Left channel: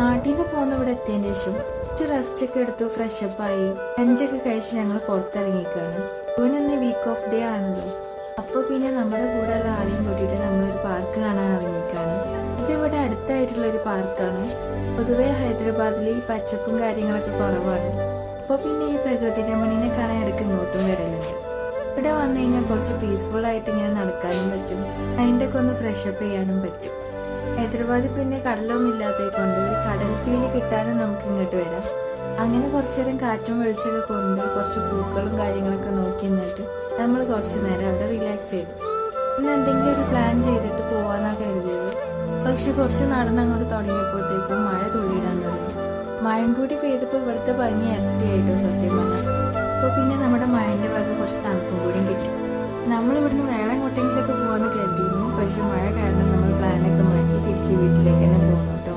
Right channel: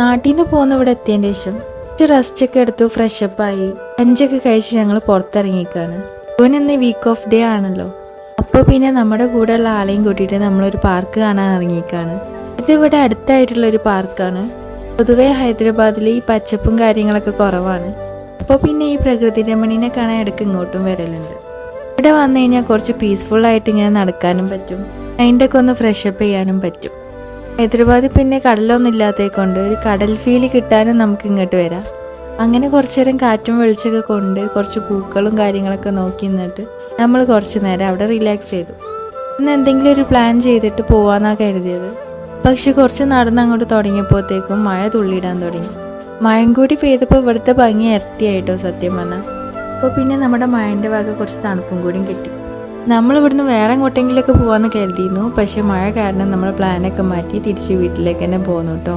നാട്ടിൽ നിന്ന് പോകുന്ന ഇവിടെ എത്തിയതിന് ശേഷം കുറച്ച് റെസ്റ്റൊക്കെ എടുത്തു, ഫ്രഷപ്പായി 5 കഴിച്ച് ഞങ്ങൾ പുറത്തിറങ്ങിക്കാണ്. ഇന്ന് വീക്ക് ഓഫ് ഡേ ആണല്ലോ. അപ്പോൾ പിന്നെ നമ്മുടെ കൂടെയുള്ള ആളെയും കൂട്ടിയിട്ട് നമ്മളൊരു പാർക്ക് കാണാൻ ഇറങ്ങിക്കാണ്. ഇതിവിടെ അടുത്തായിട്ടുള്ളൊരു പാർക്കാണ്. പൊതുവേ ഹൈദരാബാദിൽ ഈ പച്ചപ്പും കാര്യങ്ങളൊക്കെ കുറവാണ്. അപ്പോൾ പിന്നെ ഈ പ്രകൃതി രമണീനെ കാണാൻ ഇടയ്ക്ക് ഇങ്ങോട്ടും വരലുണ്ട്. ഇവിടെ വന്നു കഴിഞ്ഞാൽ കുറച്ച് പീസ്ഫുള്ളായിട്ട് ഇങ്ങനെ നടക്കാനും പറ്റും, മൈൻഡൊക്കെ ഒന്ന് ഫ്രഷപ്പ് ചെയ്യാനും പറ്റും. ഹൈദരാബാദിൽ പിന്നെ കടലൊന്നും ഇല്ലാത്തത് കൊണ്ട് ഒരു കടൽ ഫീല് കിട്ടാനും നമുക്ക് ഇങ്ങോട്ട് വരാം. അങ്ങനെ കുറച്ച് നേരം കാറ്റും വെളിച്ചൊക്കെ കൊണ്ട് കുറച്ച് പൂക്കളും കാര്യങ്ങളൊക്കെ നോക്കി നിന്നിട്ട് നമ്മൾ കുറച്ച് നേരം അവിടെ റിലാക്സ് ചെയ്തു. ഇന്ന് എന്തെങ്കിലും ഒരു പ്ലാൻ ചെയ്തിട്ട് പോവാന്നാണ് കരുതിയത്. പക്ഷെ കുറച്ച് നടന്ന് അങ്ങോട്ട് തുടങ്ങിയപ്പോഴത്തേക്കും മഴ തുള്ളിയിടാൻ തുടങ്ങി. മഴയും കൂടി പെയ്തപ്പോൾ ഇവിടുത്തെ ഭംഗി ഇരട്ടിയായിട്ടോ സത്യം പറഞ്ഞാൽ. അപ്പോൾ പിന്നെ നമ്മുടെ മഴൻ്റെ വക കുറച്ച് തണുപ്പും കൂടിയും കിട്ടി. നമ്മളിവിടുന്ന് വേറെ എങ്ങോട്ടെങ്കിലൊക്കെ പോകാമെന്ന് കരുതിയിരുന്നു. പക്ഷേ മഴ കാരണം നമ്മൾ പ്ലാനൊക്കെ മാറ്റി തിരിച്ച് വീട്ടിലേക്ക് തന്നെ പോന്നു കേട്ടോ.